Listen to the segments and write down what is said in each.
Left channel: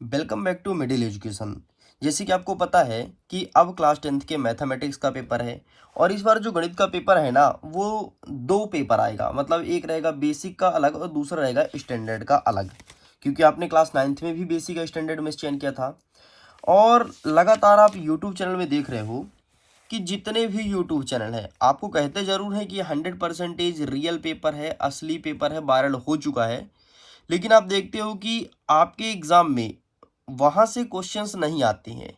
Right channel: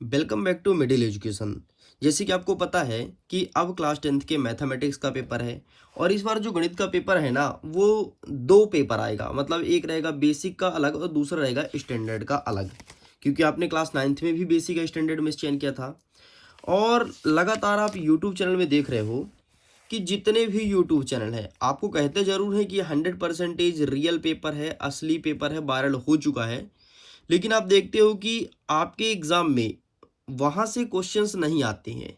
Welcome back to middle education. जैसे कि आपको पता है कि अब क्लास 10th के मैथमेटिक्स का पेपर है और इस बार जो गणित का पेपर है ना वो दो पेपर आएगा। मतलब एक रहेगा बेसिक का अलग और दूसरा रहेगा स्टैंडर्ड का अलग, क्योंकि आपने क्लास 9th में भी बेसिक का स्टैंडर्ड में चयन किया था। और लगातार आप यूट्यूब चैनल में देख रहे हो कि जितने भी यूट्यूब चैनल हैं आपको कहते ज़रूर हैं कि 100% रियल पेपर है, असली पेपर है, वायरल हो चुका है। लेकिन आप देखते हो कि आपके एग्ज़ाम में वहाँ से क्वेश्चंस नहीं आते हैं।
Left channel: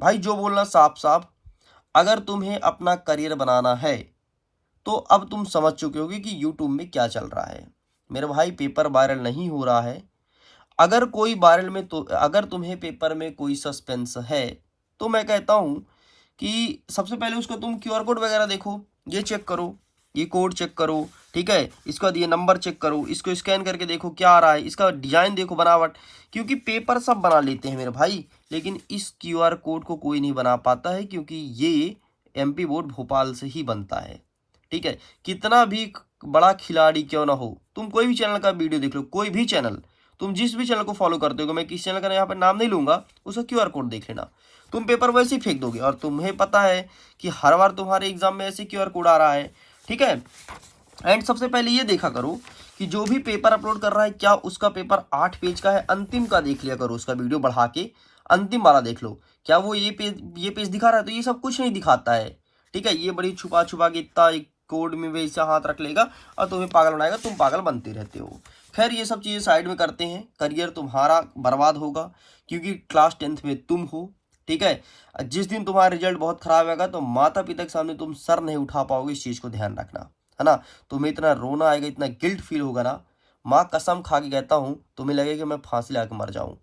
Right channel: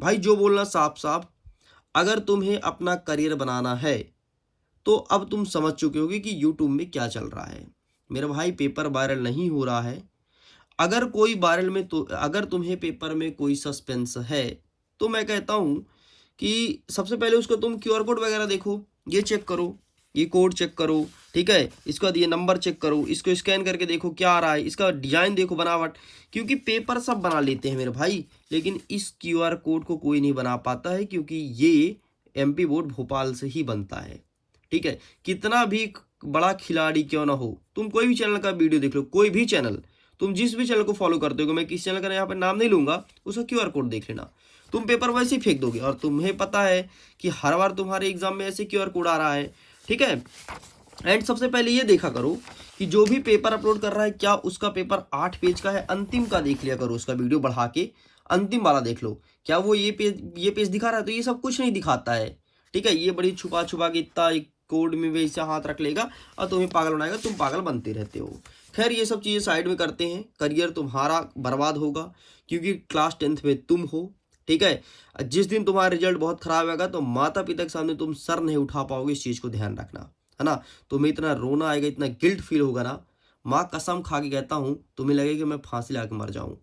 भाई जो बोलना साफ साफ, अगर तुम्हें अपना करियर बनाना है तो अब तुम समझ चुके होगे कि यूट्यूब में क्या चल रहा है। मेरे भाई पेपर वायरल नहीं हो रहा है। अगर कोई वायरल में तो अगर तुम्हें पेपर में कोई सस्पेंस है तो मैं कहता हूँ कि सबसे पहले उसका तुम क्यूआर कोड वगैरह देखो, ये चेक करो, ये कोड चेक करो, ठीक है। इसका ये नंबर चेक करो, इसको स्कैन करके देखो क्या आ रहा है, इसका डिजाइन देखो, बनावट। क्योंकि पेपर सब बना लेते हैं मेरे भाई, लेकिन इस क्यूआर कोड को कोई नहीं बना पाता है, क्योंकि ये एमपी बोर्ड भोपाल से ही बनता है। ठीक है, कितना भी बड़ा खिलाड़ी क्यों ना हो, तुम कोई भी चैनल का वीडियो देख लो, कोई भी चैनल, तुम जिस भी चैनल को फॉलो करते हो, मैं किस चैनल का यहाँ पर नाम नहीं लूंगा, उसका क्यूआर कोड देख लेना, तुम पेपर वैसे ही फेंक दोगे। और तुम्हें पता है कि हर बार तुम्हारे एग्जाम में ऐसे क्यूआर कोड आ रहा है। ठीक है। एंड सबसे पहले ये देखा करो कि जो भी पेपर अपलोड कर रहा है क्या उसका पेपर 8 पेज का है, अंतिम का देख लिया करो, उसका वीडियो बढ़ा के अंतिम वाला देख लो, क्या वो ये पेज दिखा रहा है। तो ये सब कुछ नहीं दिखाता है। ठीक है, ये बड़ी छुपा छुपा के इतना एक कोड में वैसा हाथ रख लेगा और तुम्हें पागल बनाएगा, तुम पागल बनते रहते हो। खैर ये सब चीज़ें साइड में करते हैं, करियर तुम्हारा बर्बाद होगा क्योंकि क्लास 10th में तुम हो। ठीक है, जिस दिन तुम्हारा रिजल्ट बहुत खराब होगा तो माता पिता के सामने तुम सर नहीं उठा पाओगे, इस चीज़ को ध्यान रखना, है ना। तुम्हें इतना रोना आएगा, इतना गिल्ट फील होगा ना, माँ कसम खा के कहता हूँ तुम्हें लगेगा कि मैं फांसी लगा के मर जाऊँ।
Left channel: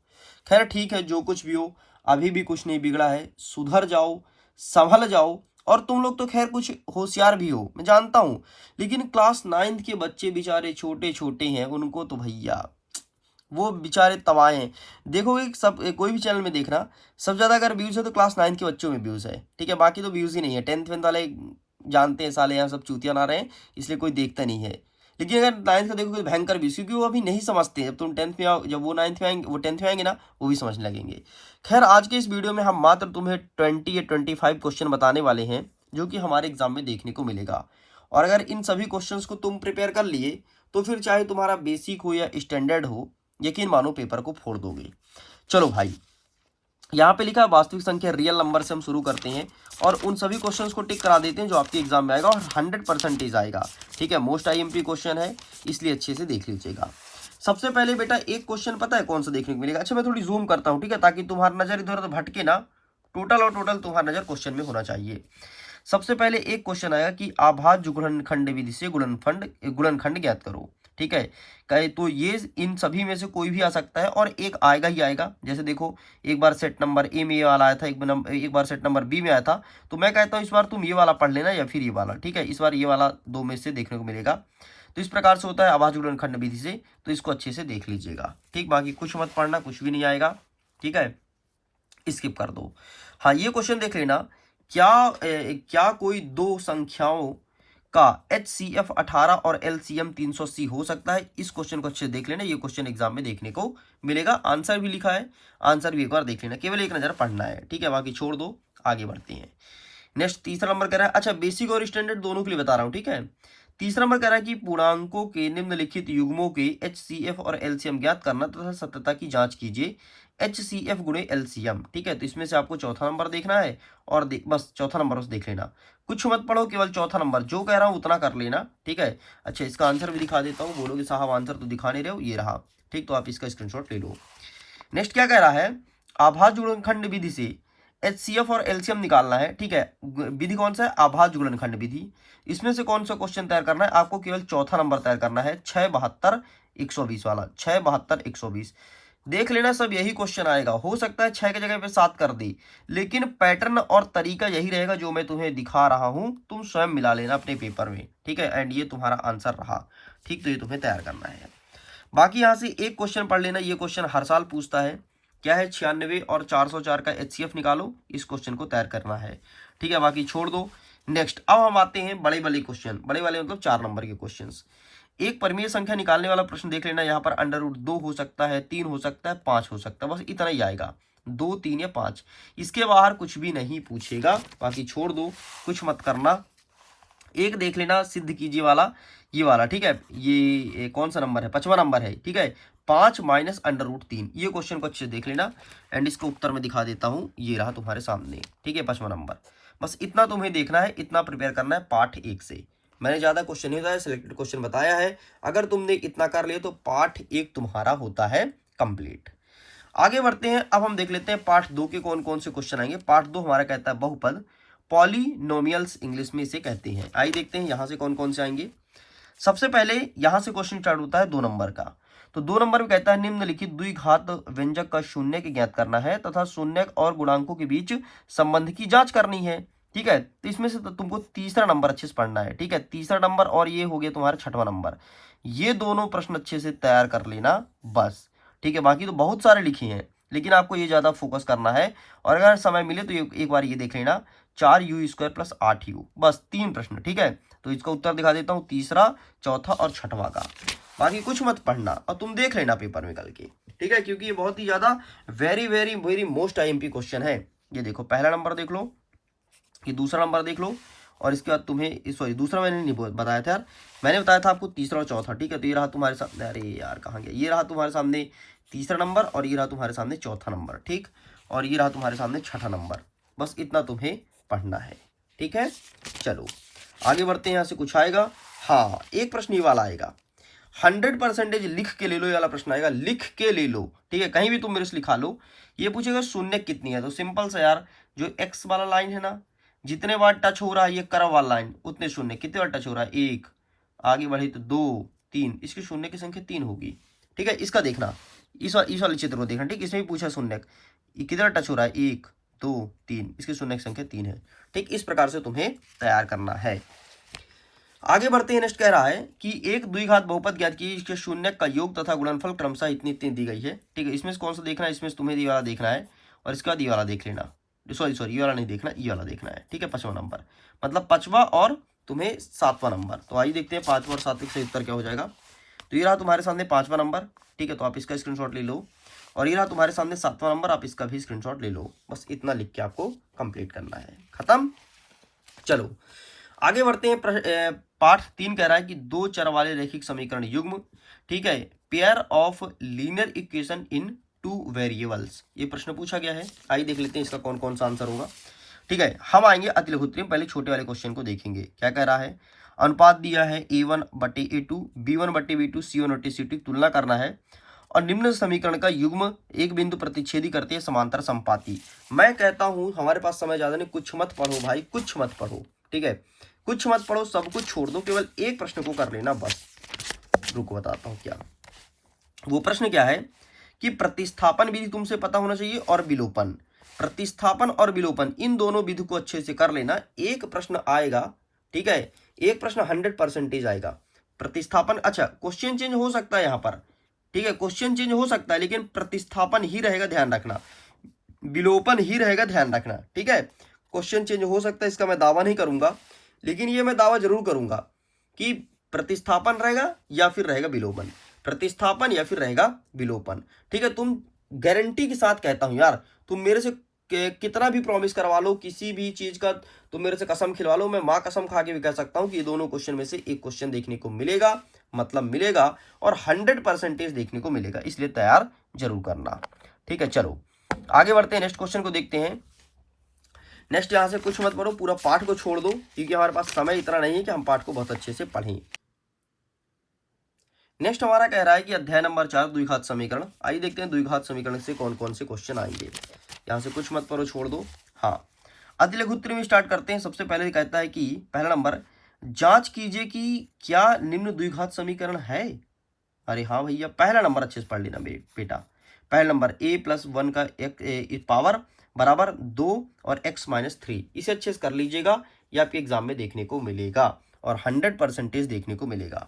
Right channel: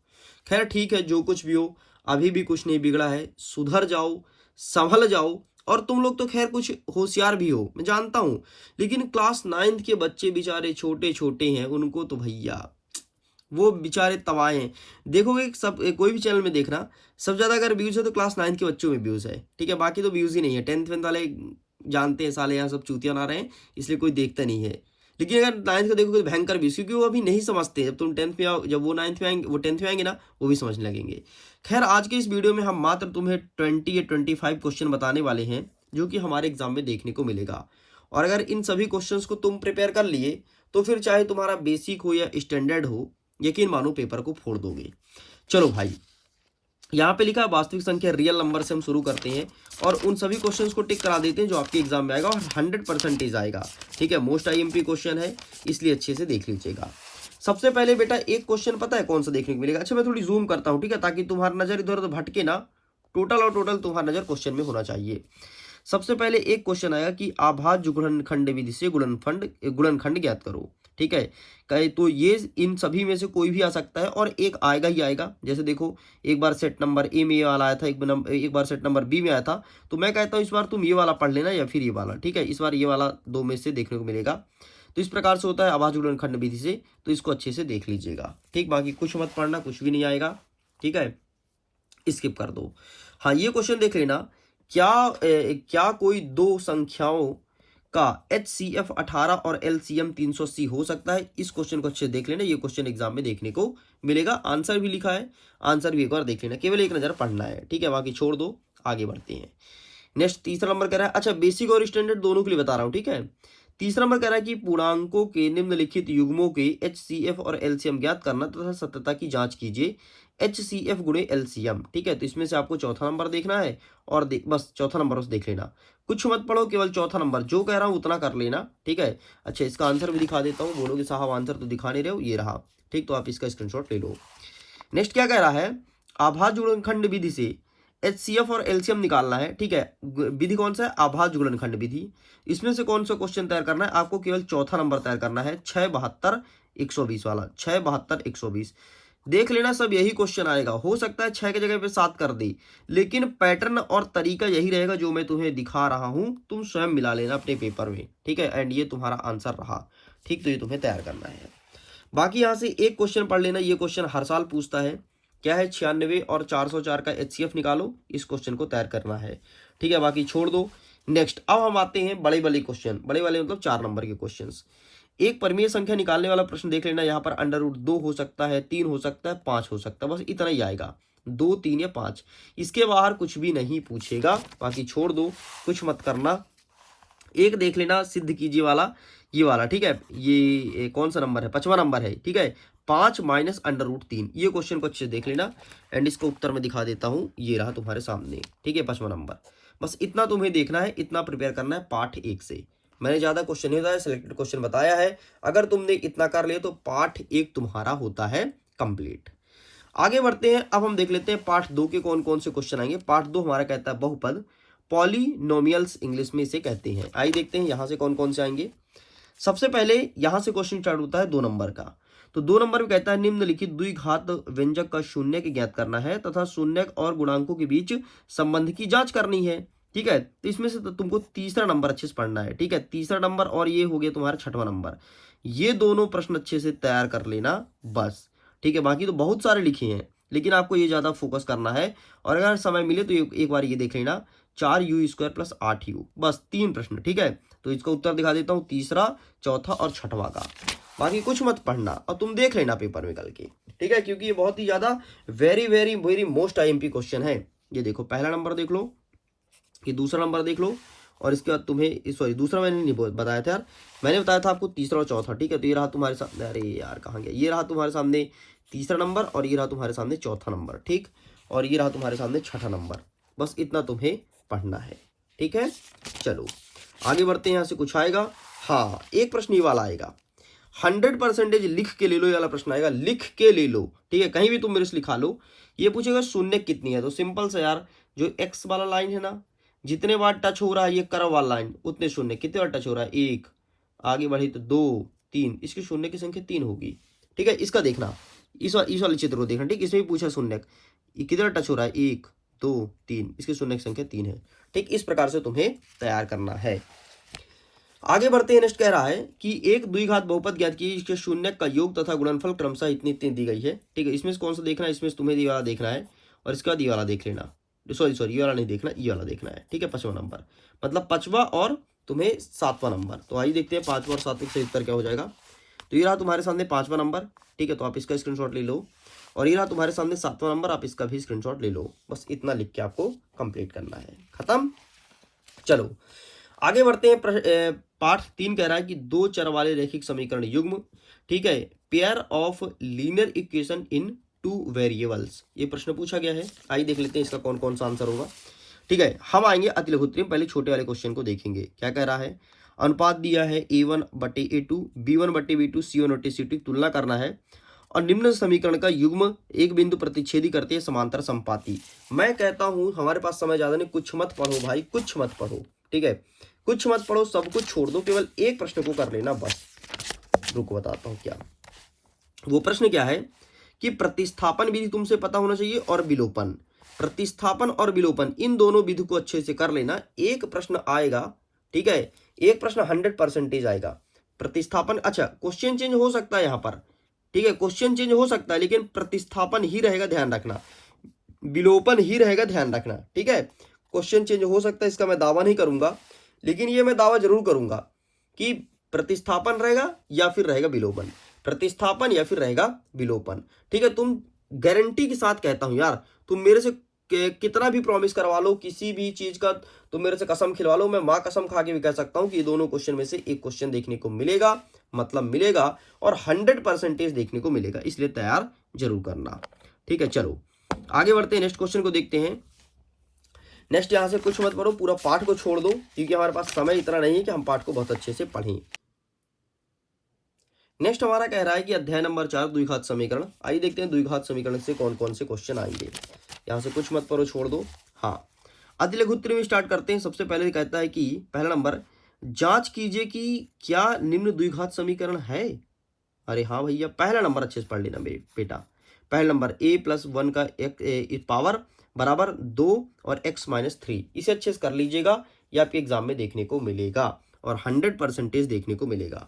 खैर ठीक है, जो कुछ भी हो, अभी भी कुछ नहीं बिगड़ा है, सुधर जाओ, संभल जाओ। और तुम लोग तो खैर कुछ होशियार भी हो, मैं जानता हूँ, लेकिन क्लास 9th के बच्चे बेचारे छोटे छोटे हैं, उनको तो भैया वो बेचारे तबाह हैं। देखोगे सब कोई भी चैनल में देखना, सबसे ज़्यादा अगर व्यूज़ है तो क्लास 9th के बच्चों में व्यूज़ है। ठीक है, बाकी तो व्यूज़ ही नहीं है। 10th वाले जानते हैं साले यहाँ सब चूतिया ना रहे हैं, इसलिए कोई देखता नहीं है। लेकिन अगर 9th का देखोगे तो भयंकर व्यूज़, क्योंकि वो अभी नहीं समझते। जब तुम 10th में आओ, जब वो 9th में आएंगे, वो 10th में आएंगे ना, वो भी समझने लगेंगे। खैर आज के इस वीडियो में हम मात्र तुम्हें 20 या 25 क्वेश्चन बताने वाले हैं जो कि हमारे एग्जाम में देखने को मिलेगा। और अगर इन सभी क्वेश्चंस को तुम प्रिपेयर कर लिए तो फिर चाहे तुम्हारा बेसिक हो या स्टैंडर्ड हो, यकीन मानो पेपर को फोड़ दोगे। चलो भाई, यहाँ पे लिखा है वास्तविक संख्या रियल नंबर से हम शुरू करते हैं और उन सभी क्वेश्चंस को टिक करा देते हैं जो आपके एग्जाम में आएगा और 100% आएगा। ठीक है, मोस्ट आईएमपी क्वेश्चन है, इसलिए अच्छे से देख लीजिएगा। सबसे पहले बेटा एक क्वेश्चन पता है कौन सा देखने को मिलेगा। अच्छा मैं थोड़ी जूम करता हूँ, ठीक है, ताकि तुम्हारा नजर इधर उधर भटके ना, टोटल और टोटल तुम्हारा नजर क्वेश्चन में होना चाहिए। सबसे पहले एक क्वेश्चन आएगा कि आभाज्य गुणनखंड विधि से गुणनखंड ज्ञात करो। ठीक है, कहे तो ये इन सभी में से कोई भी आ सकता है और एक आएगा ही आएगा। जैसे देखो, एक बार सेट नंबर ए में ये वाला आया था, एक बार सेट नंबर बी में आया था। तो मैं कहता हूँ इस बार तुम ये वाला पढ़ लेना या फिर ये वाला। ठीक है, इस बार ये वाला दो में से देखने को मिलेगा। तो इस प्रकार से होता है आभाज्य गुणनखंड विधि से, तो इसको अच्छे से देख लीजिएगा। ठीक, बाकी कुछ मत पढ़ना, कुछ भी नहीं आएगा। ठीक है, स्किप कर दो। हाँ ये क्वेश्चन देख लेना, क्या कोई दो संख्याओं का HCF 18 और LCM 380 हो सकता है। इस क्वेश्चन को अच्छे से देख लेना, ये क्वेश्चन एग्जाम में देखने को मिलेगा। आंसर भी लिखा है, आंसर भी एक बार देख लेना, केवल एक नजर पढ़ना है। ठीक है, बाकी छोड़ दो, आगे बढ़ते हैं। नेक्स्ट तीसरा नंबर कह रहा है, अच्छा बेसिक और स्टैंडर्ड दोनों के लिए बता रहा हूँ। ठीक है, तीसरा नंबर कह रहा है कि पूर्णांकों के निम्नलिखित युग्मों के HCF और LCM ज्ञात करना तथा सत्यता की जांच कीजिए। HCF गुणे LCM। ठीक है, तो इसमें से आपको चौथा नंबर देखना है और बस चौथा नंबर बस देख लेना, कुछ मत पढ़ो, केवल चौथा नंबर जो कह रहा हूँ उतना कर लेना। ठीक है, अच्छा इसका आंसर भी दिखा देता हूँ, बोलोगे साहब आंसर तो दिखा नहीं रहे हो, ये रहा। ठीक, तो आप इसका स्क्रीनशॉट ले लो। नेक्स्ट क्या कह रहा है, आभाज्य गुणनखंड विधि से HCF और LCM निकालना है। ठीक है, विधि कौन सा है, आभाज्य गुणनखंड विधि। इसमें से कौन सा क्वेश्चन तैयार करना है, आपको केवल चौथा नंबर तैयार करना है, 672 120 वाला, 672 120। देख लेना सब यही क्वेश्चन आएगा, हो सकता है 6 की जगह पे 7 कर दे, लेकिन पैटर्न और तरीका यही रहेगा जो मैं तुम्हें दिखा रहा हूं, तुम स्वयं मिला लेना अपने पेपर में। ठीक है, एंड ये तुम्हारा आंसर रहा। ठीक, तो ये तुम्हें तैयार करना है। बाकी यहाँ से एक क्वेश्चन पढ़ लेना, ये क्वेश्चन हर साल पूछता है, क्या है 96 और 404 का HCF निकालो, इस क्वेश्चन को तैयार करना है। ठीक है, बाकी छोड़ दो। नेक्स्ट अब हम आते हैं बड़े वाले क्वेश्चन, बड़े वाले मतलब 4 नंबर के क्वेश्चंस। एक परिमेय संख्या निकालने वाला प्रश्न देख लेना, यहाँ पर √2 हो सकता है, 3 हो सकता है, 5 हो सकता है, बस इतना ही आएगा, 2, 3 या 5। इसके बाहर कुछ भी नहीं पूछेगा, बाकी छोड़ दो, कुछ मत करना। एक देख लेना सिद्ध कीजिए वाला, ये वाला, ठीक है, ये कौन सा नंबर है, 5वां नंबर है, ठीक है, 5 माइनस √3, ये क्वेश्चन को अच्छे से देख लेना एंड इसका उत्तर मैं दिखा देता हूँ, ये रहा तुम्हारे सामने, ठीक है, 5वां नंबर। बस इतना तुम्हें देखना है, इतना प्रिपेयर करना है पार्ट 1 से। मैंने ज़्यादा क्वेश्चन नहीं बताया, सिलेक्टेड क्वेश्चन बताया है। अगर तुमने इतना कर लिया तो पार्ट 1 तुम्हारा होता है कंप्लीट। आगे बढ़ते हैं, अब हम देख लेते हैं पार्ट 2 के कौन कौन से क्वेश्चन आएंगे। पार्ट 2 हमारा कहता है बहुपद, पॉलिनोमियल्स इंग्लिश में इसे कहते हैं। आइए देखते हैं यहाँ से कौन कौन से आएंगे। सबसे पहले यहाँ से क्वेश्चन स्टार्ट होता है 2 नंबर का। तो 2 नंबर में कहता है निम्नलिखित द्विघात व्यंजक का शून्य ज्ञात करना है तथा शून्य और गुणांकों के बीच संबंध की जांच करनी है, ठीक है। तो इसमें से तो तुमको तीसरा नंबर अच्छे से पढ़ना है, ठीक है, तीसरा नंबर और ये हो गया तुम्हारा 6वां नंबर। ये दोनों प्रश्न अच्छे से तैयार कर लेना बस, ठीक है। बाकी तो बहुत सारे लिखे हैं, लेकिन आपको ये ज़्यादा फोकस करना है। और अगर समय मिले तो एक बार ये देख लेना, 4u² + 8u, बस 3 प्रश्न, ठीक है। तो इसका उत्तर दिखा देता हूँ, तीसरा, चौथा और 6वां का। बाकी कुछ मत पढ़ना और तुम देख लेना पेपर में कल के, ठीक है, क्योंकि ये बहुत ही ज़्यादा very very very most IMP question है। ये देखो, पहला नंबर देख लो, ये दूसरा नंबर देख लो, और इसके बाद तुम्हें, सॉरी दूसरा मैंने नहीं बताया था यार, मैंने बताया था आपको तीसरा और चौथा, ठीक है। तो ये रहा तुम्हारे सामने, अरे यार कहाँ गया, ये रहा तुम्हारे सामने तीसरा नंबर और ये रहा तुम्हारे सामने चौथा नंबर, ठीक, और ये रहा तुम्हारे सामने 6ठा नंबर। बस इतना तुम्हें पढ़ना है, ठीक है। चलो आगे बढ़ते हैं, यहाँ से कुछ आएगा। हाँ, एक प्रश्न ये वाला आएगा, 100% लिख के ले लो, ये वाला प्रश्न आएगा, लिख के ले लो, ठीक है, कहीं भी तुम मेरे से लिखा लो। ये पूछेगा शून्य कितनी है, तो सिंपल सा यार, जो x वाला लाइन है ना, जितने बार टच हो रहा है ये कर्व वाला लाइन, उतने शून्य, कितने बार टच हो रहा है, 1, आगे बढ़े तो 2, 3, इसकी शून्य की संख्या 3 होगी, ठीक है। इसका देखना, इस वाले चित्र को देखना, ठीक, इसमें भी पूछा शून्य, कितने बार टच हो रहा है, 1, 2, 3, इसकी शून्य की संख्या 3 है, ठीक। इस प्रकार से तुम्हें तैयार करना है। आगे बढ़ते हैं, नेक्स्ट कह रहा है कि एक द्विघात बहुपद ज्ञात कीजिए जिसके शून्य का योग तथा गुणनफल क्रमशः इतनी इतनी दी गई है, ठीक है। इसमें से कौन सा देखना है, इसमें से तुम्हें ये वाला देखना है और इसके बाद ये वाला देख लेना, सॉरी ये वाला नहीं देखना, ये वाला देखना है, ठीक है, 5वां नंबर, मतलब 5वां और तुम्हें 7वां नंबर। तो आइए देखते हैं 5वां और 7वें का उत्तर क्या हो जाएगा। तो ये रहा तुम्हारे सामने 5वां नंबर, ठीक है, तो आप इसका स्क्रीनशॉट ले लो, और ये रहा तुम्हारे सामने 7वां नंबर, आप इसका भी स्क्रीनशॉट ले लो। बस इतना लिख के आपको कंप्लीट करना है, खत्म। चलो आगे बढ़ते हैं, पार्ट 3 कह रहा है कि 2 चर वाले रैखिक समीकरण युग्म, ठीक है, pair of linear equation in 2 variables, ये प्रश्न पूछा गया है। आइए देख लेते हैं इसका कौन कौन सा आंसर होगा, ठीक है। हम आएंगे अतिलघुत्री में, पहले छोटे वाले क्वेश्चन को देखेंगे। क्या कह रहा है, अनुपात दिया है A1/A2, B1/B2, C1/C2 तुलना करना है और निम्न समीकरण का युग्म एक बिंदु प्रतिच्छेदी करते हैं समांतर संपाती। मैं कहता हूं हमारे पास समय ज्यादा नहीं, कुछ मत पढ़ो भाई, कुछ मत पढ़ो, ठीक है, कुछ मत पढ़ो, सब कुछ छोड़ दो, केवल एक प्रश्न को कर लेना बस। रुको बताता हूं क्या वो प्रश्न क्या है, कि प्रतिस्थापन विधि तुमसे पता होना चाहिए और विलोपन, प्रतिस्थापन और विलोपन, इन दोनों विधि को अच्छे से कर लेना। एक प्रश्न आएगा, ठीक है, एक प्रश्न 100% आएगा। प्रतिस्थापन, अच्छा क्वेश्चन चेंज हो सकता है यहाँ पर, ठीक है, क्वेश्चन चेंज हो सकता है, लेकिन प्रतिस्थापन ही रहेगा, ध्यान रखना, विलोपन ही रहेगा, ध्यान रखना, ठीक है। क्वेश्चन चेंज हो सकता है, इसका मैं दावा नहीं करूंगा, लेकिन ये मैं दावा जरूर करूंगा कि प्रतिस्थापन रहेगा या फिर रहेगा विलोपन, प्रतिस्थापन या फिर रहेगा विलोपन, ठीक है। तुम गारंटी के साथ कहता हूं यार, तुम मेरे से कितना भी प्रॉमिस करवा लो किसी भी चीज का, तुम मेरे से कसम खिलवा लो, मैं माँ कसम खा के भी कह सकता हूं कि ये दोनों क्वेश्चन में से एक क्वेश्चन देखने को मिलेगा, मतलब मिलेगा, और 100% देखने को मिलेगा, इसलिए तैयार जरूर करना, ठीक है। चलो आगे बढ़ते हैं, नेक्स्ट क्वेश्चन को देखते हैं। नेक्स्ट यहाँ से कुछ मत पढ़ो, पूरा पाठ को छोड़ दो, क्योंकि हमारे पास समय इतना नहीं है कि हम पाठ को बहुत अच्छे से पढ़ें। नेक्स्ट हमारा कह रहा है कि अध्याय नंबर 4 द्विघात समीकरण। आइए देखते हैं द्विघात समीकरण से कौन कौन से क्वेश्चन आएंगे। यहाँ से कुछ मत पढ़ो, छोड़ दो। हाँ, अतिलघुत्री में स्टार्ट करते हैं। सबसे पहले कहता है कि पहला नंबर, जांच कीजिए कि क्या निम्न द्विघात समीकरण है। अरे हाँ भैया, पहला नंबर अच्छे से पढ़ लेना बेटा। पहला नंबर a+1 का एक पावर बराबर 2 और x-3, इसे अच्छे से कर लीजिएगा, ये आपके एग्जाम में देखने को मिलेगा और 100% देखने को मिलेगा।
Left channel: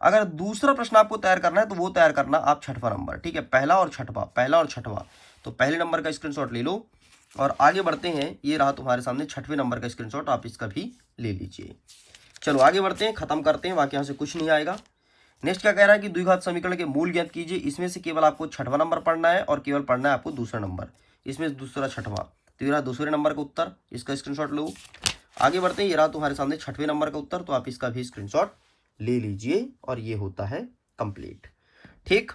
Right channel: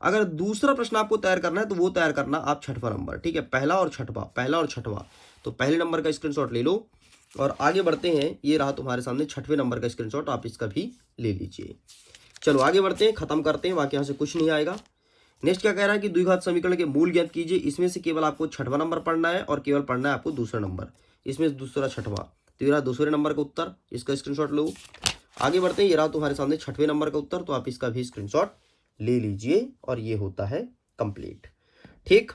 अगर दूसरा प्रश्न आपको तैयार करना है तो वो तैयार करना आप 6वां नंबर, ठीक है, पहला और छठवां। तो पहले नंबर का स्क्रीनशॉट ले लो और आगे बढ़ते हैं। ये रहा तुम्हारे सामने 6वें नंबर का स्क्रीनशॉट, आप इसका भी ले लीजिए। चलो आगे बढ़ते हैं, खत्म करते हैं, बाकी यहाँ से कुछ नहीं आएगा। नेक्स्ट क्या कह रहा है कि द्विघात समीकरण के मूल ज्ञात कीजिए। इसमें से केवल आपको छठवां नंबर पढ़ना है और केवल पढ़ना है आपको दूसरा नंबर, इसमें दूसरा छठवां, तो ये रहा दूसरे नंबर का उत्तर, इसका स्क्रीनशॉट लो। आगे बढ़ते हैं, ये रहा तुम्हारे सामने छठवें नंबर का उत्तर, तो आप इसका भी स्क्रीनशॉट ले लीजिए और ये होता है कंप्लीट। ठीक,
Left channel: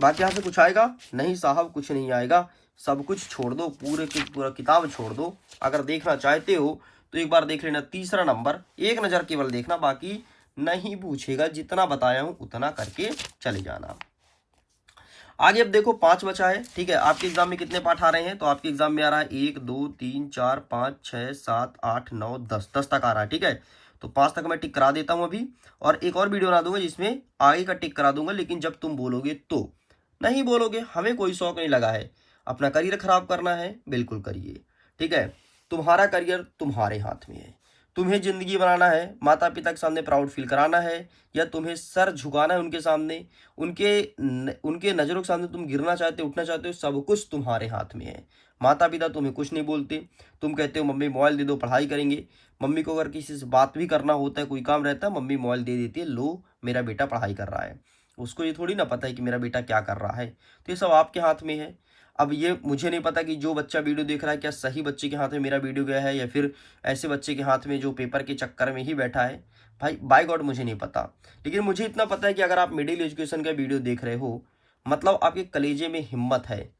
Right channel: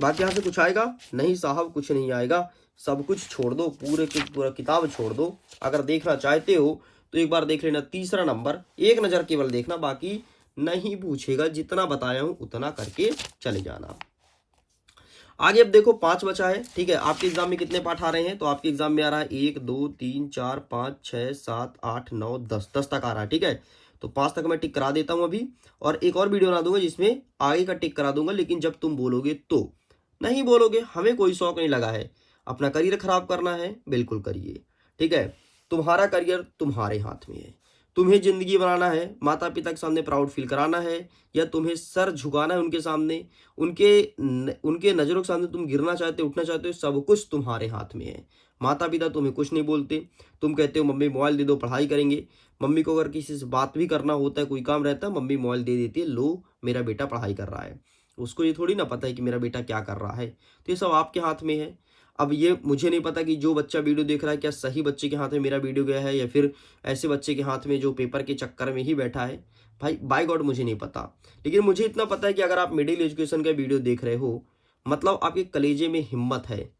बाकी यहाँ से कुछ आएगा नहीं साहब, कुछ नहीं आएगा, सब कुछ छोड़ दो, पूरे की पूरा किताब छोड़ दो। अगर देखना चाहते हो तो एक बार देख लेना तीसरा नंबर, एक नज़र केवल देखना, बाकी नहीं पूछेगा, जितना बताया हूँ उतना करके चले जाना। आगे अब देखो 5 बचा है। ठीक है, आपके एग्जाम में कितने पाठ आ रहे हैं, तो आपके एग्जाम में आ रहा है 1 2 3 4 5 6 7 8 9 10, 10 तक आ रहा है। ठीक है, तो 5 तक मैं टिक करा देता हूँ अभी, और एक और वीडियो बना दूंगा जिसमें आगे का टिक करा दूंगा, लेकिन जब तुम बोलोगे तो, नहीं बोलोगे हमें कोई शौक नहीं लगा है, अपना करियर खराब करना है बिल्कुल करिए। ठीक है, तुम्हारा करियर तुम्हारे हाथ में है, तुम्हें जिंदगी बनाना है, माता पिता के सामने प्राउड फील कराना है, या तुम्हें सर झुकाना है उनके सामने, उनके नज़रों के सामने तुम गिरना चाहते हो, उठना चाहते हो, सब कुछ तुम्हारे हाथ में है। माता पिता तुम्हें कुछ नहीं बोलते, तुम कहते हो मम्मी मोबाइल दे दो पढ़ाई करेंगे, मम्मी को अगर किसी से बात भी करना होता है, कोई काम रहता है, मम्मी मोबाइल दे देती है, लो मेरा बेटा पढ़ाई कर रहा है। उसको ये थोड़ी ना पता है कि मेरा बेटा क्या कर रहा है, तो ये सब आपके हाथ में है। अब ये मुझे नहीं पता कि जो बच्चा वीडियो देख रहा है क्या सही बच्चे के हाथ में मेरा वीडियो गया है, या फिर ऐसे बच्चे के हाथ में जो पेपर के चक्कर में ही बैठा है, भाई बाय गॉड मुझे नहीं पता। लेकिन मुझे इतना पता है कि अगर आप मिडिल एजुकेशन का वीडियो देख रहे हो, मतलब आपके कलेजे में हिम्मत है,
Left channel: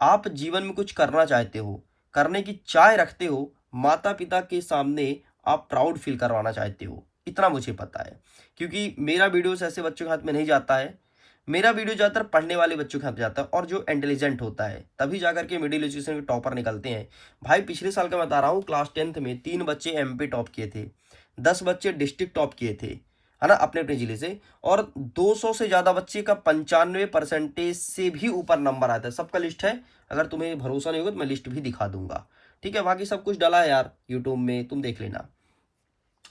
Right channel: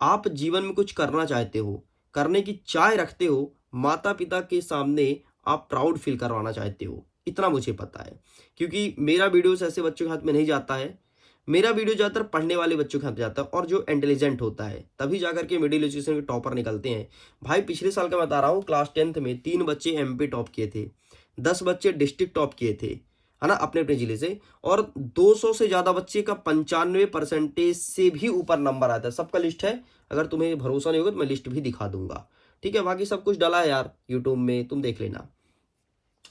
आप जीवन में कुछ करना चाहते हो, करने की चाह रखते हो, माता पिता के सामने आप प्राउड फील करवाना चाहते हो, इतना मुझे पता है। क्योंकि मेरा वीडियोस ऐसे बच्चों के हाथ में नहीं जाता है, मेरा वीडियो ज़्यादातर पढ़ने वाले बच्चों के हाथ जाता है, और जो इंटेलिजेंट होता है तभी जाकर के मिडिल एजुकेशन के टॉपर निकलते हैं। भाई पिछले साल का बता रहा हूँ, क्लास 10th में 3 बच्चे एमपी टॉप किए थे, 10 बच्चे डिस्ट्रिक्ट टॉप किए थे, है ना, अपने अपने जिले से, और 200 से ज़्यादा बच्चे का 95% से भी ऊपर नंबर आता है। सबका लिस्ट है, अगर तुम्हें भरोसा नहीं होगा तो मैं लिस्ट भी दिखा दूंगा। ठीक है, बाकी सब कुछ डला है यार यूट्यूब में, तुम देख लेना।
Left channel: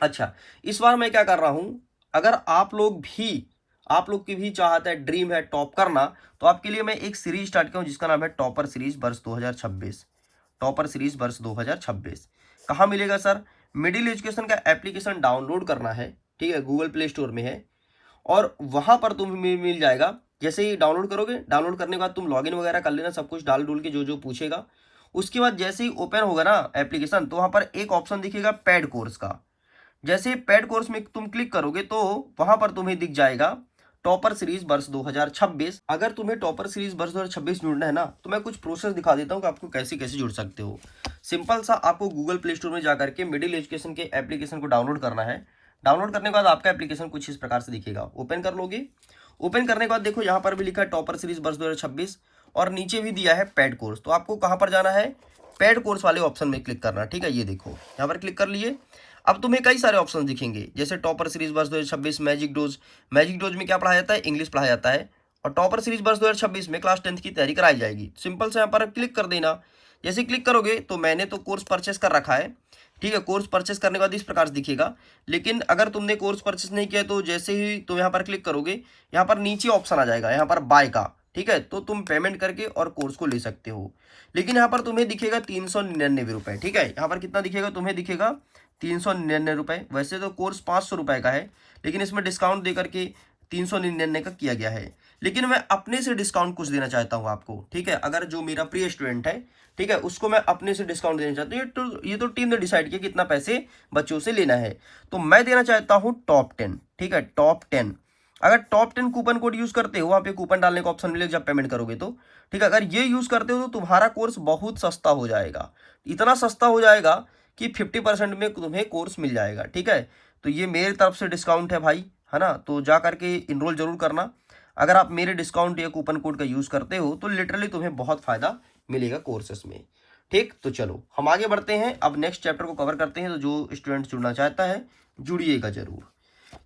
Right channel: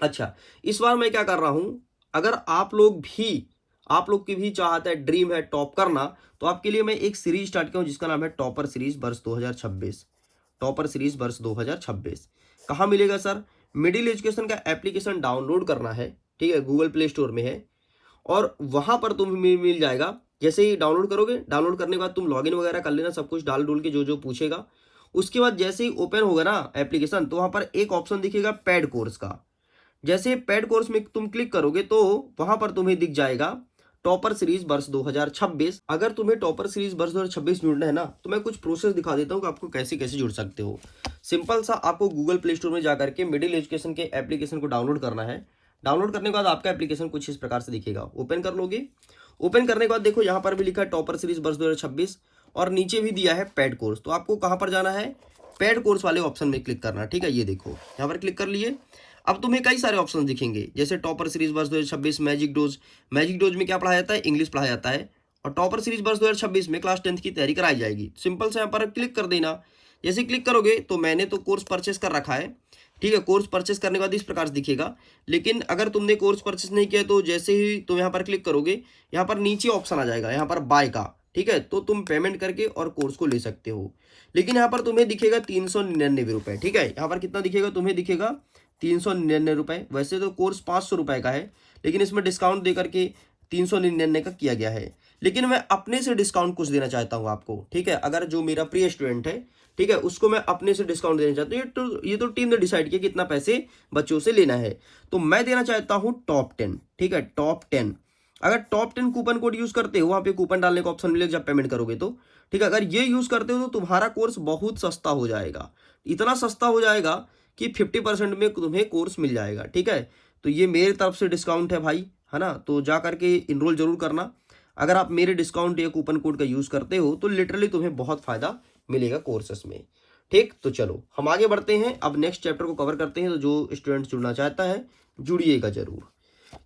अच्छा, इस बार मैं क्या कर रहा हूं, अगर आप लोग की भी चाहत है, ड्रीम है टॉप करना, तो आपके लिए मैं एक सीरीज स्टार्ट किया हूं जिसका नाम है टॉपर सीरीज वर्ष 2026। टॉपर सीरीज वर्ष 2026 कहाँ मिलेगा सर, मिडिल एजुकेशन का एप्लीकेशन डाउनलोड करना है। ठीक है, गूगल प्ले स्टोर में है, और वहां पर तुम्हें मिल जाएगा। जैसे ही डाउनलोड करोगे, डाउनलोड करने के बाद तुम लॉगिन वगैरह कर लेना, सब कुछ डाल डूल के जो जो पूछेगा। उसके बाद जैसे ही ओपन होगा ना एप्लीकेशन, तो वहां पर एक ऑप्शन दिखेगा पेड कोर्स का। जैसे पेड कोर्स में तुम क्लिक करोगे तो वहां पर तुम्हें दिख जाएगा टॉपर सीरीज वर्ष 2026। अगर तुम्हें टॉपर सीरीज वर्ष 2026 जुड़ना है ना, तो मैं कुछ प्रोसेस दिखा देता हूँ कि आपको कैसे कैसे जुड़ सकते हो। सिंपल सा, आपको गूगल प्ले स्टोर में जाकर के मिडिल एजुकेशन के एप्लीकेशन को डाउनलोड करना है। डाउनलोड करने के बाद आपका एप्लीकेशन कुछ इस प्रकार से दिखेगा, ओपन कर लोगे। ओपन करने के बाद देखो यहाँ पर भी लिखा है टॉपर सीरीज वर्ष 2026, और नीचे भी दिया है पेड कोर्स। तो आपको कहाँ पर जाना है, पेड कोर्स वाले ऑप्शन में क्लिक करना। ठीक है, ये देखो यहाँ पर क्लिक कर लिए। अब तुम्हें कई सारे ऑप्शन दिखेंगे, जैसे टॉपर सीरीज वर्ष 2026 मैजिक डोज। मैजिक डोज में क्या पढ़ाया जाता है, इंग्लिश पढ़ाया जाता है, और टॉपर सीरीज वर्ष 2026 में क्लास 10th की तैयारी कराई जाएगी। सिंपल से यहाँ पर क्लिक कर देना। जैसे क्लिक करोगे तो मैंने तो कोर्स परचेस कर रखा है। ठीक है, कोर्स परचेस करने के बाद इस प्रकार से दिखेगा। लेकिन अगर तुमने कोर्स परचेस नहीं किया तो जैसे ही तुम यहाँ पर क्लिक करोगे, यहाँ पर नीचे ऑप्शन आ जाएगा यहाँ पर बाय का। ठीक है, तो तुम पेमेंट करके और कोर्स को ले सकते हो। लेकिन यहाँ पर तुम्हें दिखेगा 399 रुपये। ठीक है, यहाँ पर कितना दिखेगा, तुम्हें दिखेगा 399 रुपये। वैसे तो कोर्स 500 रुपये का है, लेकिन इसमें डिस्काउंट दे करके 399 का किया गया है। लेकिन मैं अपने से डिस्काउंट कुछ देना चाहता हूँ आपको। ठीक है, अगर जो मेरा प्रिय स्टूडेंट है, ठीक है, उसको मैं अपने से डिस्काउंट देना चाहता हूँ। ये तो टीम ने डिसाइड किया कितना पैसे बच्चों से लेना है, तो मैं देना चाहता हूँ टॉप 10। ठीक है, टॉप 10। अगर टॉप 10 कूपन कोड यूज करते हो, वहां पे कूपन डालने का ऑप्शन मिलेगा जब पेमेंट करोगे तो। ठीक है, अगर ये यूज करते हो तो तुम्हारा कोर्स बहुत सस्ता हो जाएगा, इतना सस्ता हो जाएगा कि 50% में तुम्हें कोर्स मिल जाएगा। ठीक है, तो ये मेरी तरफ से डिस्काउंट है भाई, है ना, तो जा करके इनरोल जरूर करना। अगर आप मेरे डिस्काउंट या कूपन कोड का यूज करते हो तो लिटरली तुम्हें बहुत फायदा मिलेगा कोर्सेस में। ठीक, तो चलो हम आगे बढ़ते हैं, अब नेक्स्ट चैप्टर को कवर करते हैं। तो जो स्टूडेंट जुड़ना चाहता है जुड़िएगा जरूर।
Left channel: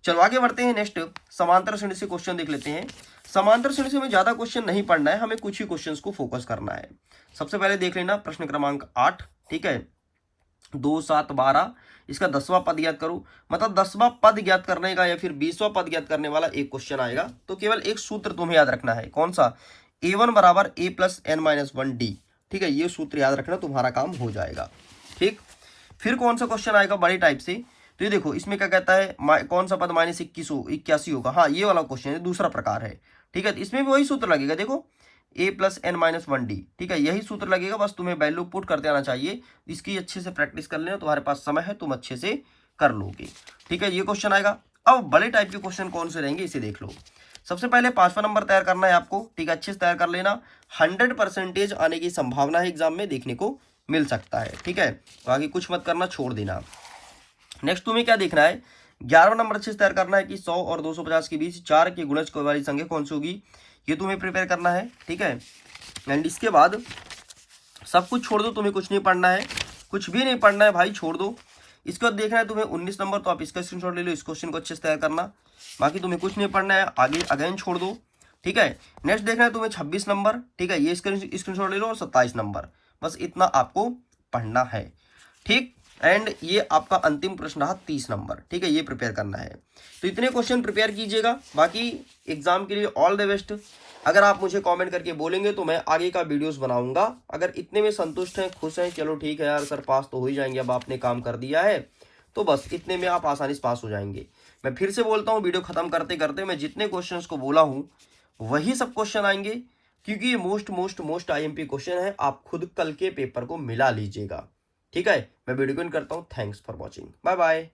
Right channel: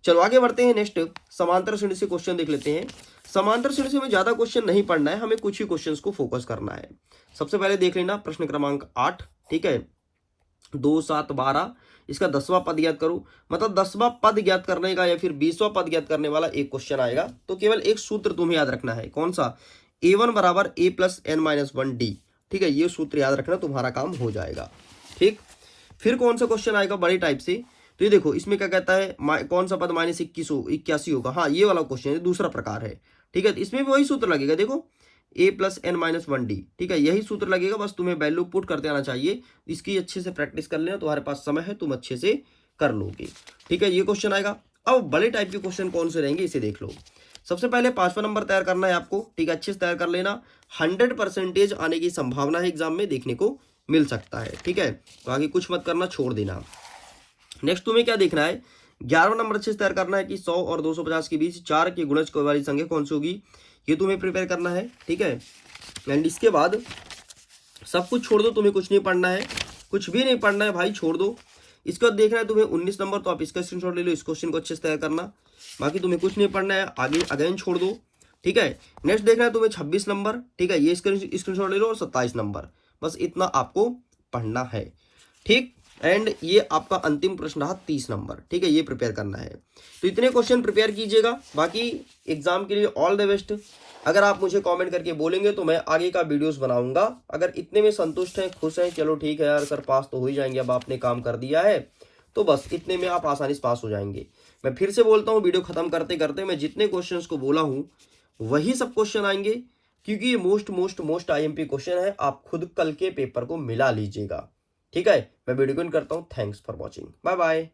चलो आगे बढ़ते हैं, नेक्स्ट समांतर श्रेणी से क्वेश्चन देख लेते हैं। समांतर श्रेणी से हमें ज्यादा क्वेश्चन नहीं पढ़ना है, हमें कुछ ही क्वेश्चंस को फोकस करना है। सबसे पहले देख लेना प्रश्न क्रमांक 8। ठीक है, 2 7 12, इसका 10वां पद ज्ञात करो। मतलब 10वां पद ज्ञात करने का या फिर 20वां पद ज्ञात करने वाला एक क्वेश्चन आएगा। तो केवल एक सूत्र तुम्हें याद रखना है, कौन सा, a1 बराबर a प्लस n-1d। ठीक है, ये सूत्र याद रखना, तुम्हारा काम हो जाएगा। ठीक, फिर कौन सा क्वेश्चन आएगा बड़ी टाइप से, तो ये देखो इसमें क्या कहता है, कौन सा पद -81 होगा। हाँ, ये वाला क्वेश्चन है, दूसरा प्रकार है। ठीक है, तो इसमें भी वही सूत्र लगेगा। देखो a+n-1d, ठीक है, यही सूत्र लगेगा, बस तुम्हें वैल्यू पुट करते आना चाहिए। इसकी अच्छे से प्रैक्टिस कर लेना, तुम्हारे पास समय है, तुम अच्छे से कर लोगे। ठीक है, ये क्वेश्चन आएगा। अब बड़े टाइप के क्वेश्चन कौन से रहेंगे इसे देख लो। सबसे पहले 5वां नंबर तैयार करना है आपको। ठीक है, अच्छे से तैयार कर लेना। 100% आने की संभावना है, एग्जाम में देखने को मिल सकता है। ठीक है, तो आगे कुछ मत करना, छोड़ देना। नेक्स्ट तुम्हें क्या देखना है, 11वां नंबर अच्छे से तैयार करना है कि 100 और 250 के बीच 4 के गुणज वाली संख्या कौन सी होगी, ये तुम्हें प्रिपेयर करना है। ठीक है, एंड इसके बाद सब कुछ छोड़ दो, तुम्हें कुछ नहीं पढ़ना है, कुछ भी नहीं पढ़ना है भाई, छोड़ दो। इसके बाद देखना है तुम्हें 19 नंबर, तो आप इसका स्क्रीनशॉट ले लो, इस क्वेश्चन को अच्छे से तैयार करना। बाकी तुम्हें कुछ नहीं पढ़ना है, आगे अगेन छोड़ दो। ठीक है, नेक्स्ट देखना है तुम्हें 26 नंबर। ठीक है, ये स्क्रीनशॉट ले लो, और 27 नंबर, बस इतना आपको पढ़ना है। ठीक, एंड ये आपका अंतिम प्रश्न रहा 30 नंबर। ठीक है, ये प्रिपेयर करना है। तो इतने क्वेश्चन प्रिपेयर कीजिएगा। बाकी एग्जाम के लिए ऑल द बेस्ट। अगर आप मुझे कमेंट करके बोलेंगे तो मैं आगे का वीडियोस बनाऊंगा। अगर इतने में संतुष्ट हैं, खुश हैं, चलो ठीक है यार सर, पास तो हो ही जाएंगे, अब आपने काम कर दिया है, तो बस इतने में आप आसानी से पास हो जाएंगे। मैं फिर से बोलता हूँ, वीडियो खत्म करते करते मैं जितने क्वेश्चंस को बोला हूँ वही सब क्वेश्चन आएंगे, क्योंकि ये मोस्ट IMP क्वेश्चन है। आप खुद कल के पेपर को मिला लीजिएगा। ठीक है, मैं वीडियो को एंड करता हूँ। Thanks for watching, bye bye.